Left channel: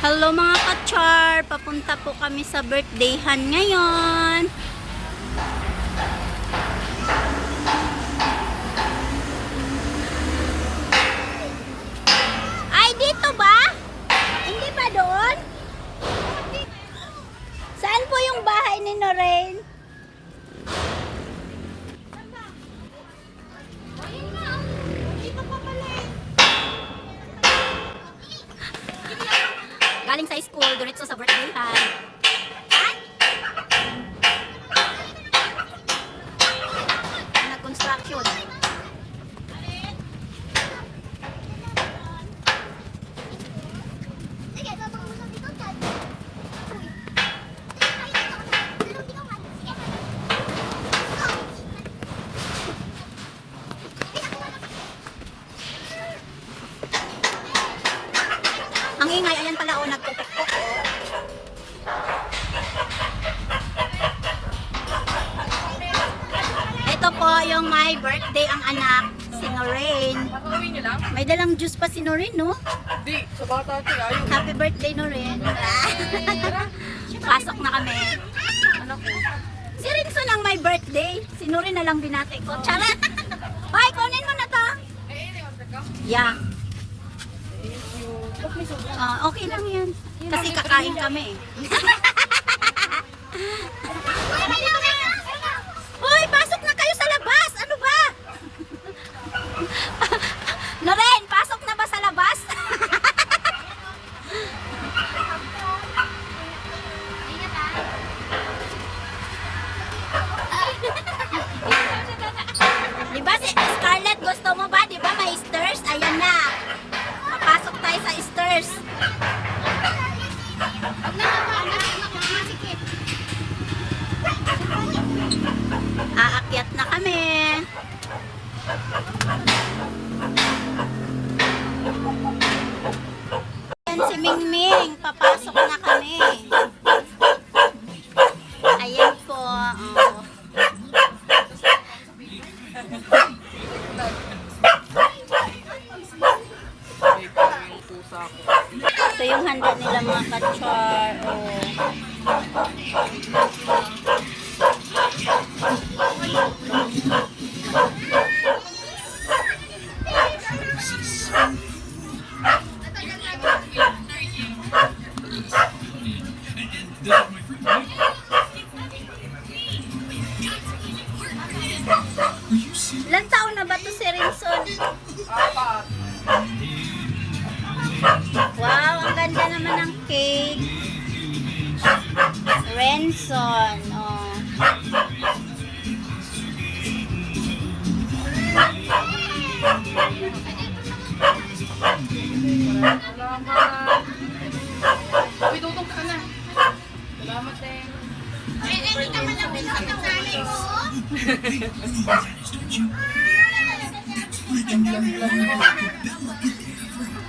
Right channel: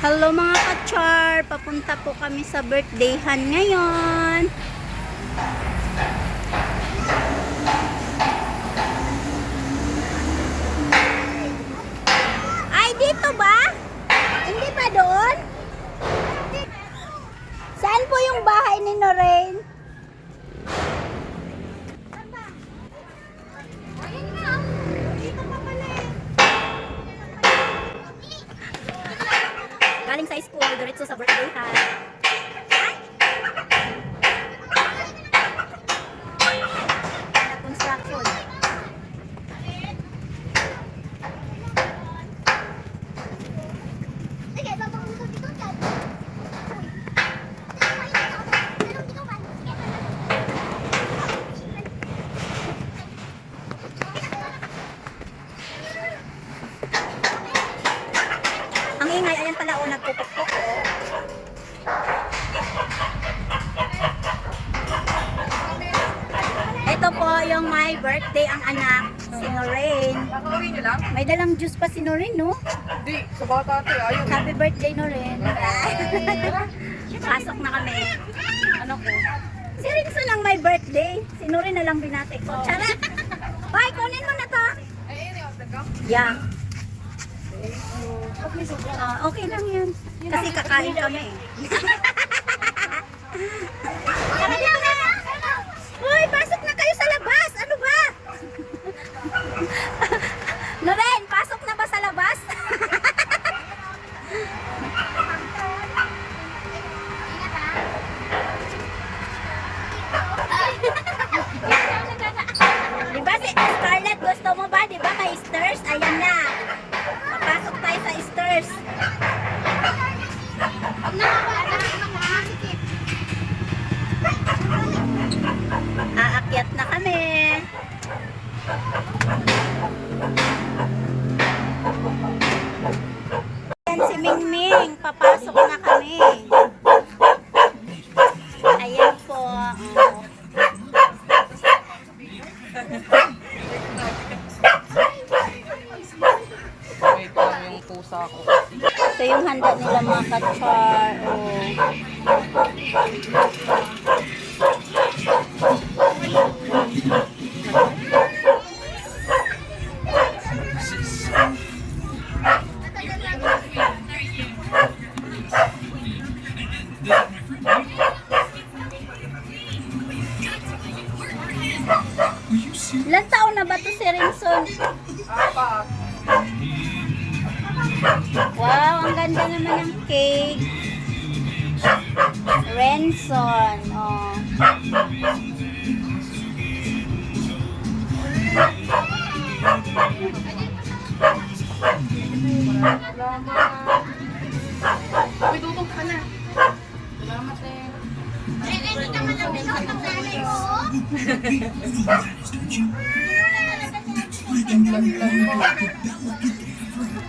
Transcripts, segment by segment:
Hello mga kachar! Papunta po kami sa birthdayhan ngayon. Ay, dito ba? Hindi ba doon? Saan po yung bahay ni Noreen? Galing sa school, diretso sa birthday ha. Nag-construction. Ang ingay, ayan pala o nagpupukpuk. Ito po yung my birthday ang anak, si Noreen. Nakauwi niyo lang? May dalang juice pa si Noreen, no? Di, sa bata ko. Ayun. Happy birthday, Noreen. Pasok na kami. Ano ko? Si Rinso ng my birthday. Si Noreen na lang binati ko. Charot! Bye, kunin mo na to. Yeah. Ah, okay lang yan. Kasi kakain kami. Ayan si Mingming. Papasok na kami.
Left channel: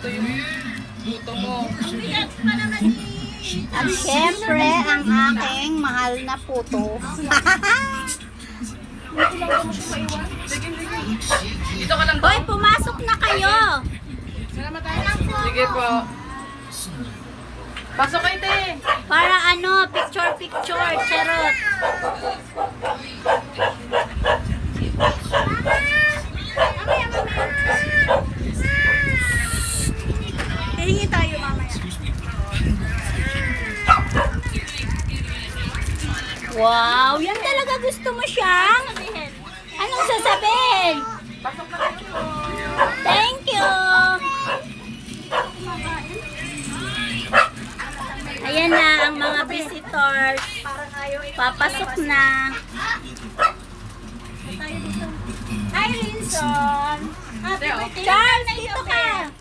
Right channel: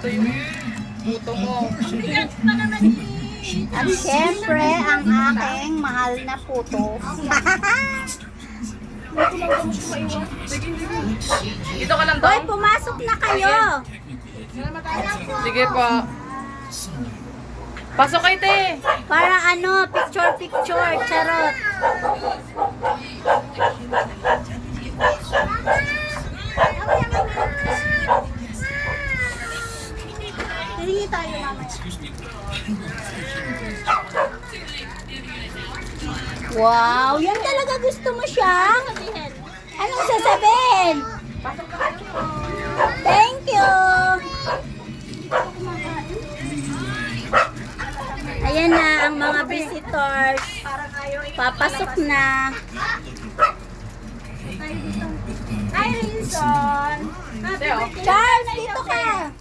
Ito yung buto mo. At syempre, ang aking mahal na puto. Hoy, pumasok na kayo. Sige po. Pasok kayo, te. Para ano, picture-picture, charot. Hihingi tayo mamaya. Wow, yan talaga gusto mo siyang? Anong sasabihin? Thank you. Ayan na ang mga visitors. Papasok na. Hi, oh. Charles, dito ka.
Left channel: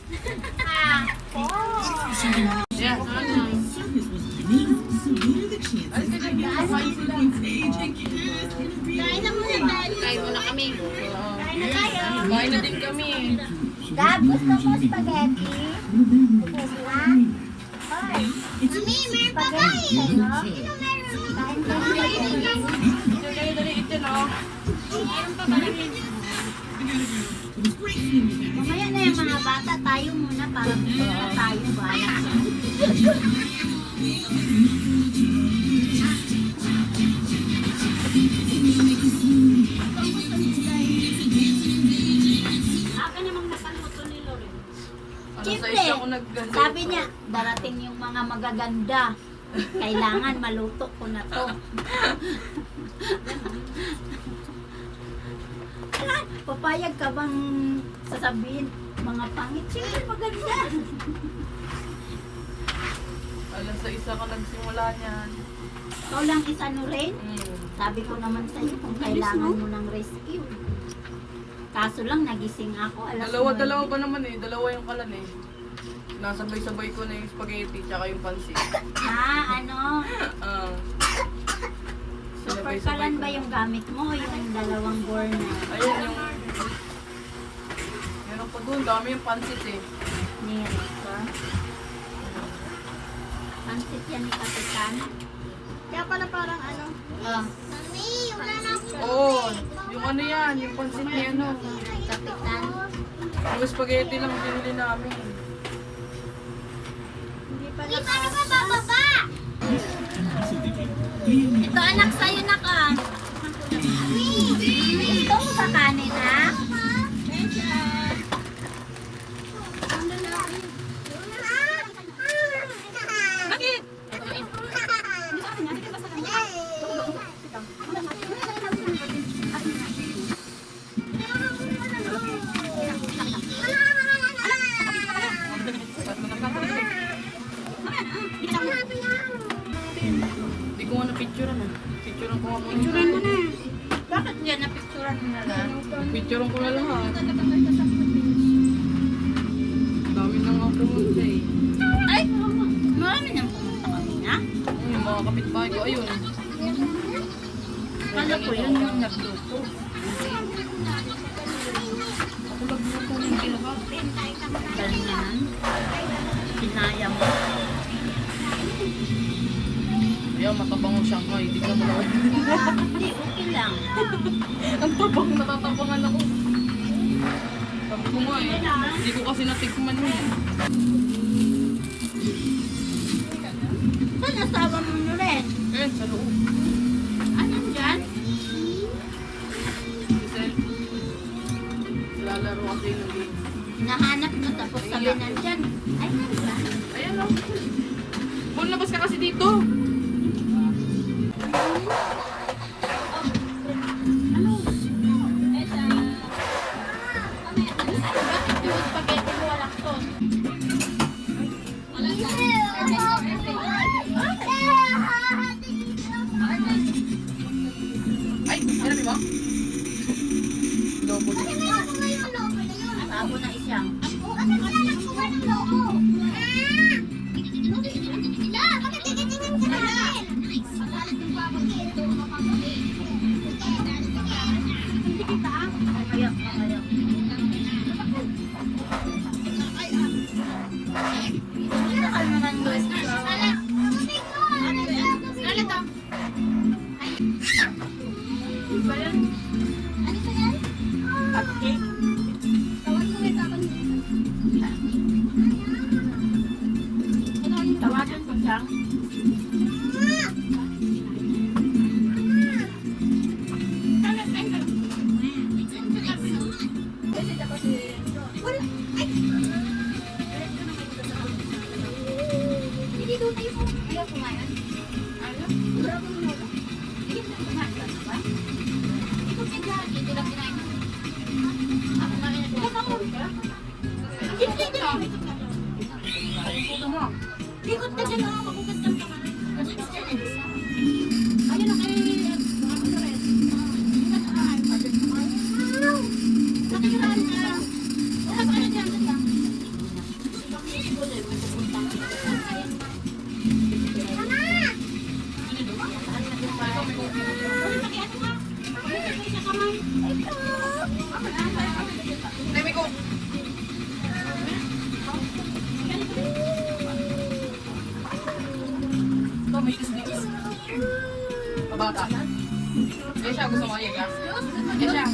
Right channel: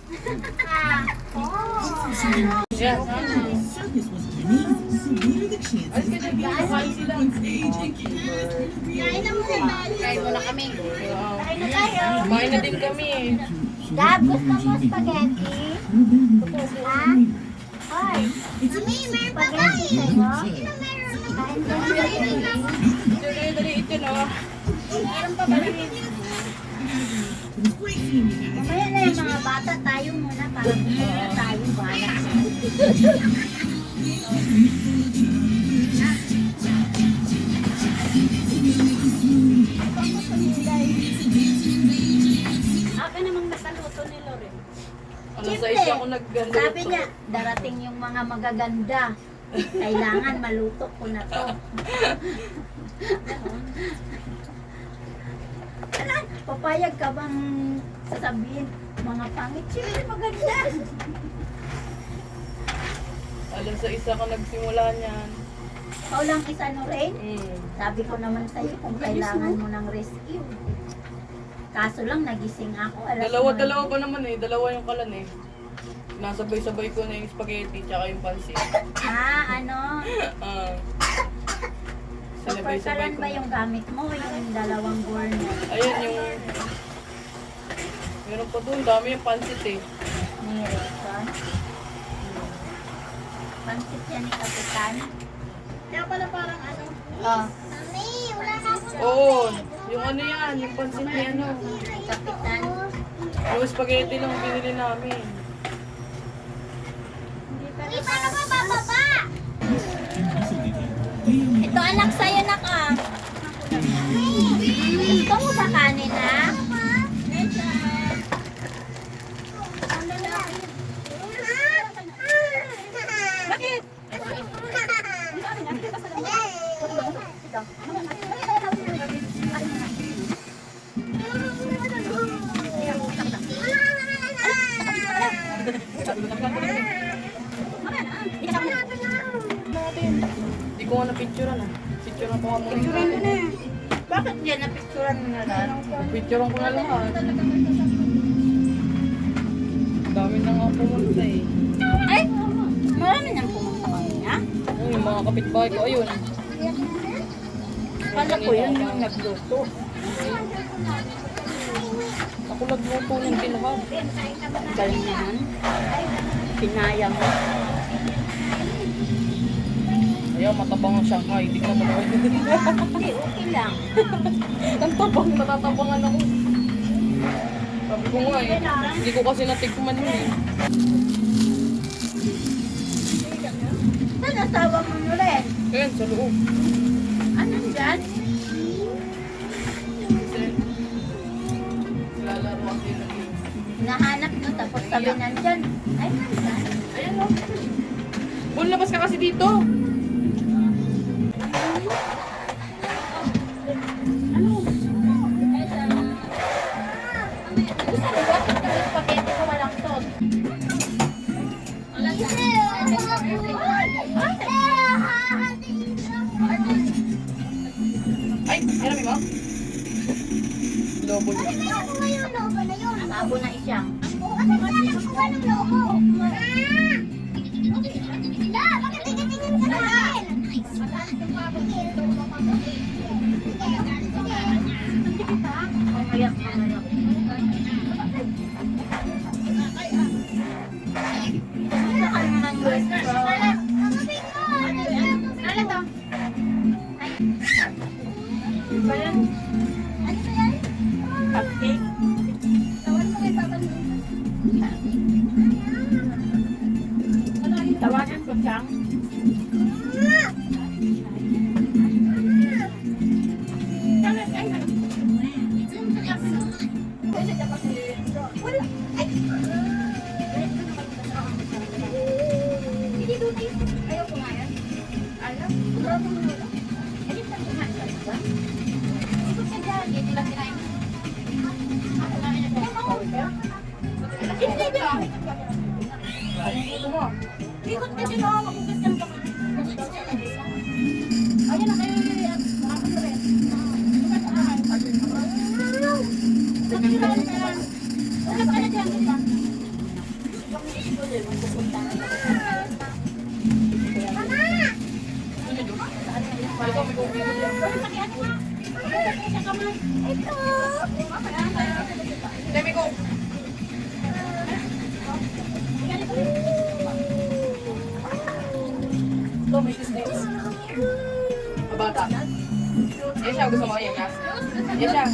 Kain muna kami. Kain na din kami. Gab, gusto mo spaghetti? Ha? Hoy. Mami, meron pa ba Dali, dali, ito no. Meron pa ba Mamaya na yung mga bata, tayo muna para uh, tayo bala. Naggamit. Sabi niya, darating yung mga magaganda. Kailangan maluto ko na to. Ano, papayag ka bang sasabihin mga pangit? Siyempre maganda. Alas sa isa ko nagsimula niyan. Ikaw lang isa no rin. Mm. Sabi ko naman sa'yo kung kailangan mo ng rescue. Kaso lang nagising ako. Alas Dalawa-dalawa 9. pa naman eh. Dalawa yung kalan eh. Nasabay-sabay ko na yung spaghetti tsaka yung pansit. Ah, ano? Ah. Super kalan ba yung gamit mo? Yung dalawang burner? Ayun yung... Meron pa doon. Dami yung pansit eh. Ni Raycon. Pansit yan ni Kapitan. Kaya pala parang ano. Oh, Mami, wala na ako. Oo. Yung ano yan. Yung pansit ni ano. Kapitan. Yung spaghetti lang binili namin. Hindi pa Hindi na pa naman bababa. Ito anak sa'yo na ka. Gusto mo ba kanin ha? Bakit? Hindi Picturean ko na lang ah. Dami na nga pumunta eh. Ay, marami nang pumunta kami na. Ayun, yung mga kapitbahay ko, ayun. Kala ko yun yung nagluto. Ako nagluto ng kinuha. Galing naman. Kinaya mo. Ayan, matabang ang Shanghai. Hindi ka manood. Hindi, okay lang. ang tabang, natatabangan ako. Sabi ko nga eh. Hindi ko kasi natikman yun eh. Saan asawa mo na rin? Ayan, sa loob. Anong dyan? Lalaro ako yung game. Hinahanap na tapos sabi nandyan. Ay, nandyan. Ayan o. Bul, labas ka kasi dito. Let me see. Tawagin ko siyang. Ito Yan siya, gusto mo yan, gas? Yan siya.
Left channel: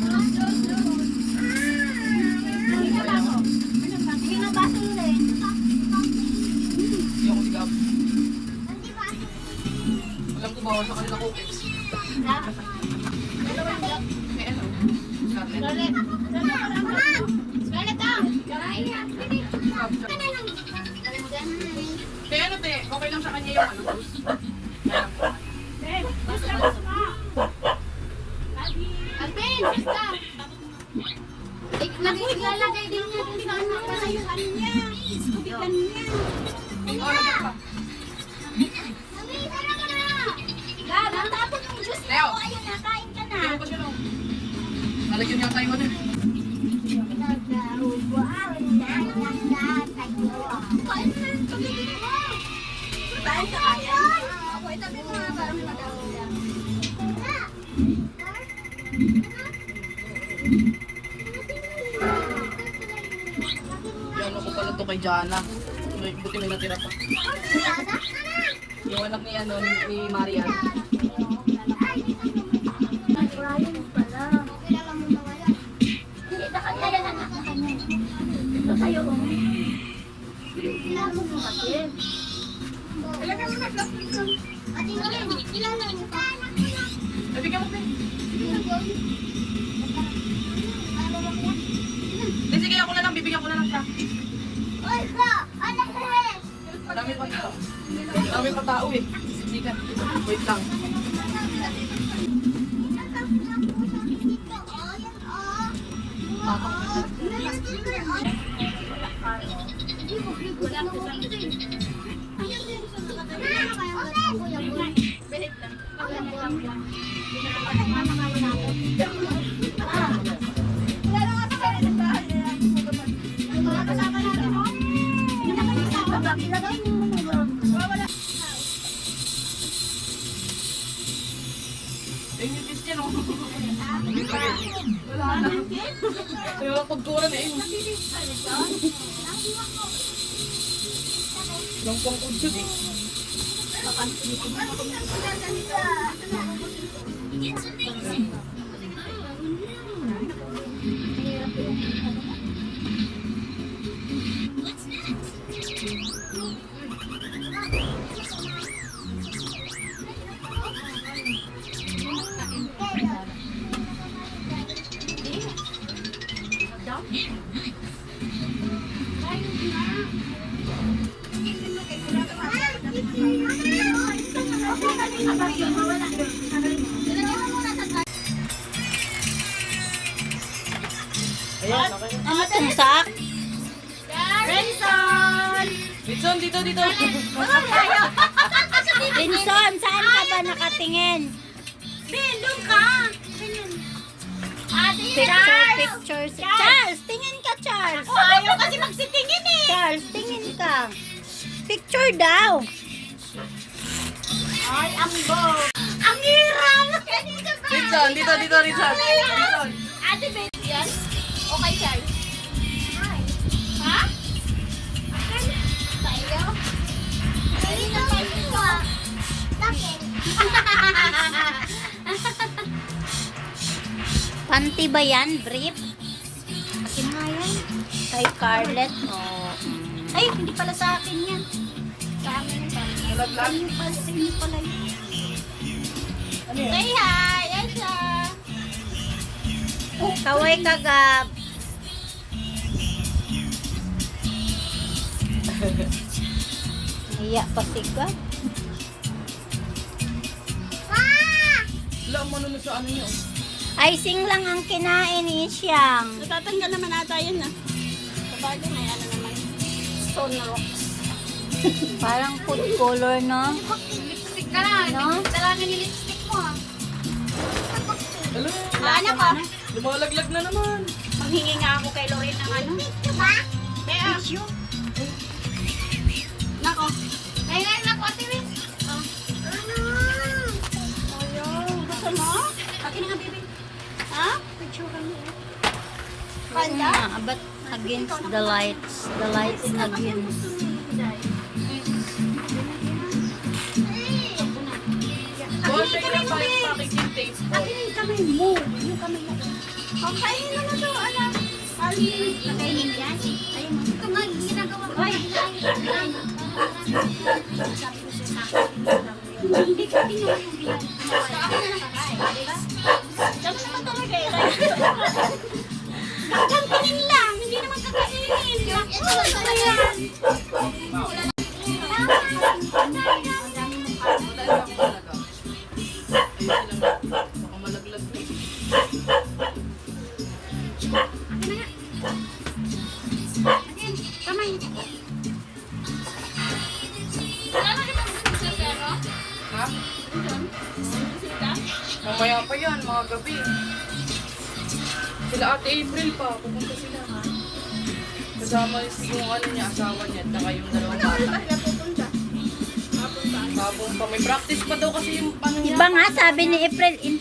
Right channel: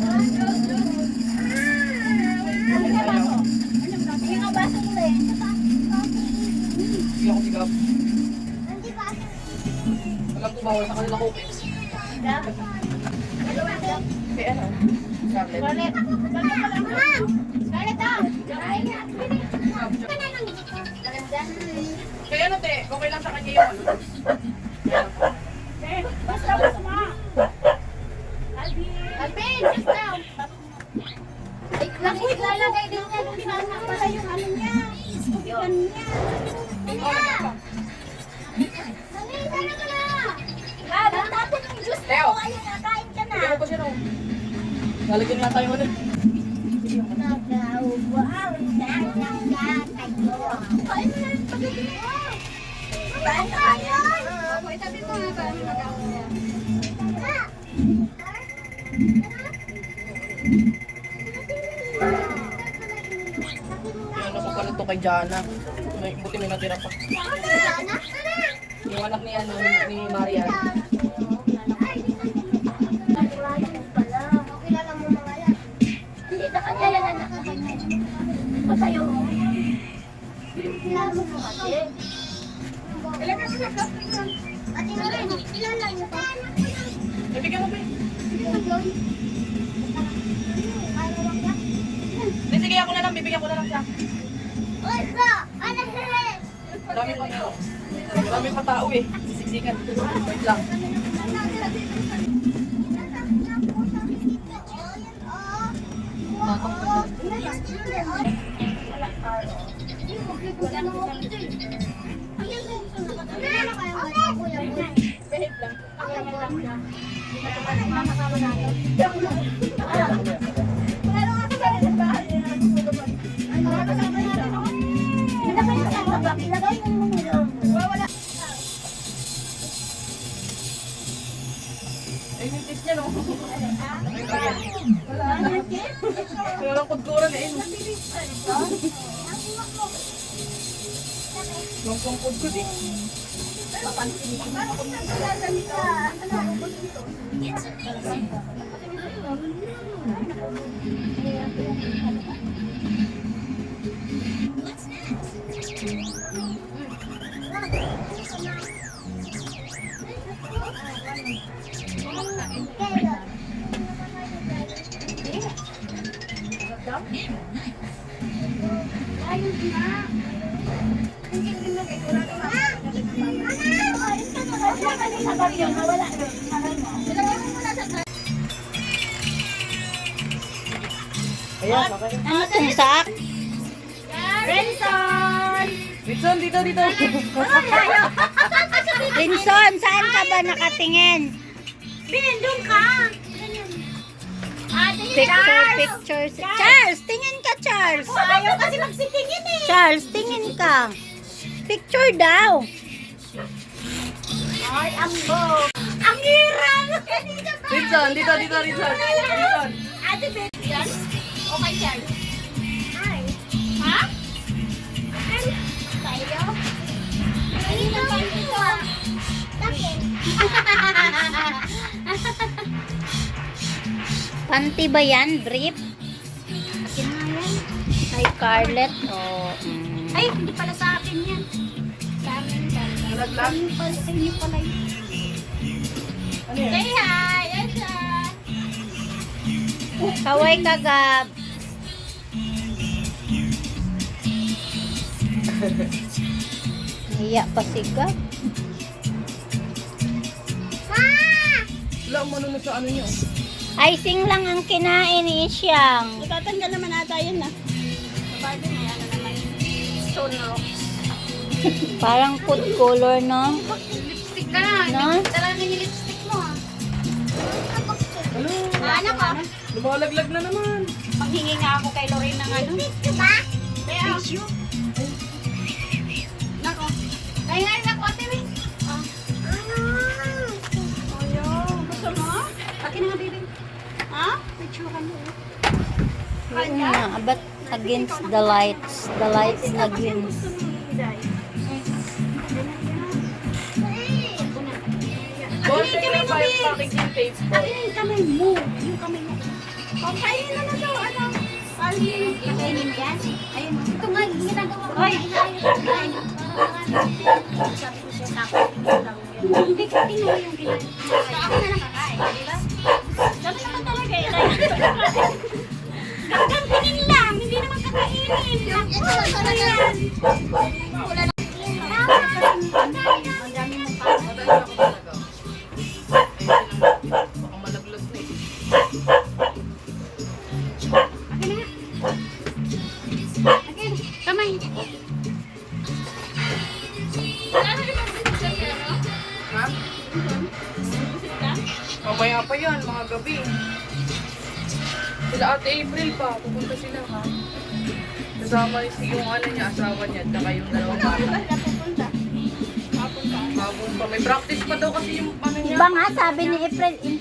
Hindi ako si makeup. Hindi ba? Alam ko bawal sa kanila cookies. Eh ano? Scarlett. Scarlett. Scarlett daw! Kaya ano te, okay lang sa kanya yung ano. Ilalagay din niya kung na pala yung ano niya. Kupitan niya. Oh, ano? Mami, tara na! Ang tapon ng juice mo. Leo. Ayun na, kain ka na. Mo pa yung ano. Yan ako pala to kay Jana. May buti may natira pa. Yung anak ni ano, ni, ni Marian. Eh, Dami pa tao. Dami pa tao eh. Siksikan. Wait lang. Ay, nipis niya no. Wala na. Wala lang pagkuran eh. Yung pangkudkod dito, dito. Linson, saan ka ba nakatingin? Ben, doon ka! Picture, picture. Charles, tingin ka, Charles. Ayaw kasi magsitingin eh! Charles, tingin ka. Picture daw. Ay, ang go! Ang hirap! Bitson, dito, dito. Bitson. Ate Ben, yan? Okay, Charles. Panty ko ah. Bakit? Panty ba yan? Brief? Ay, Carlet. Oh, mm. Ay, hindi pala sa akin yan. Sa amin pala. Laglag. Ano pala sa inyo pala yun? Ano yan? Say hi! Asa! Kaway ka, Gab. Iya pa si Gab. Wala, manunod sa ano niya. Icing lang ang kinain ni Isyang. Natatanggal naman ata yun na. Babae din may ano naman. Rocks. Parang food color, no? Lipstick ka na. No? Dalamin yung lipstick mo ah. Ano? Ano ka? Lumalaglag na naman. Maghingi nga ako kay Lorraine ng ano. Ito ba? Tissue. Nako. Akin na nga, baby. Ha? Picture mo. Oh. Yun nga, against the lights. The lights against. Ay, kamay mo, babe! Akin na yung kamay mo. Yung kamay mo. Okay, ano ano? ito na to, alam. Ayun yan. Ayun. Hindi ko tinigil yung ginagawa. Ako na nakakain, di ba?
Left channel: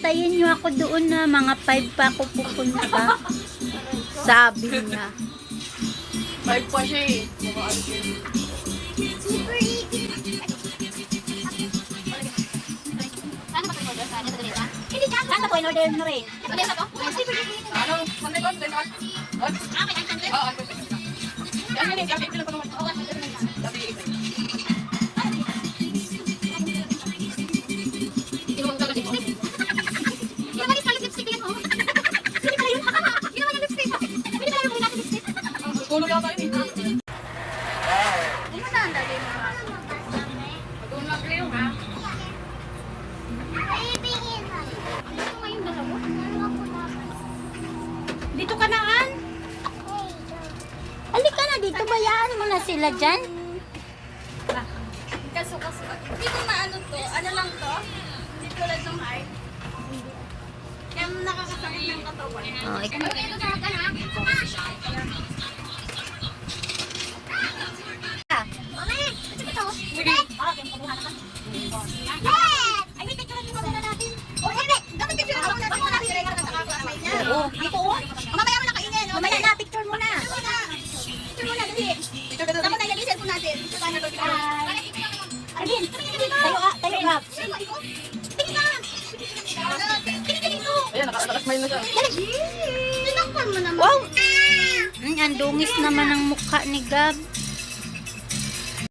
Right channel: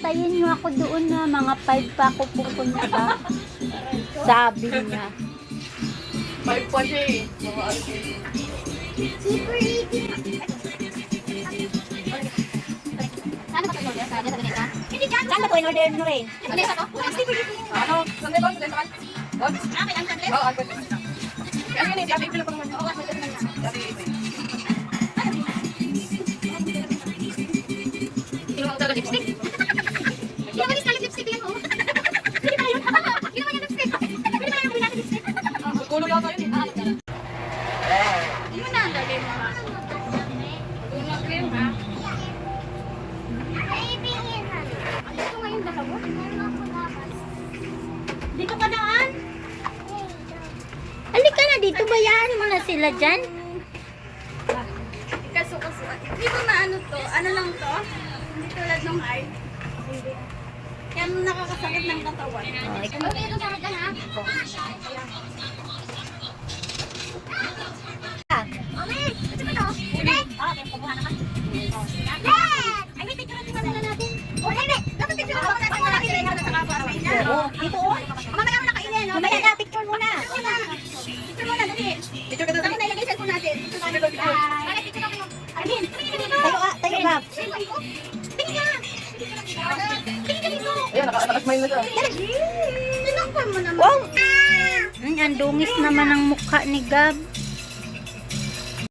Antayin niyo ako doon na mga 5 pa ako pupunta. Sabi niya. 5 pa siya eh. Mga ano siya. Super Kala ko. Ano ba to? Ano? Sunday. Ano yun eh? Sabi ko na pa pala dyan?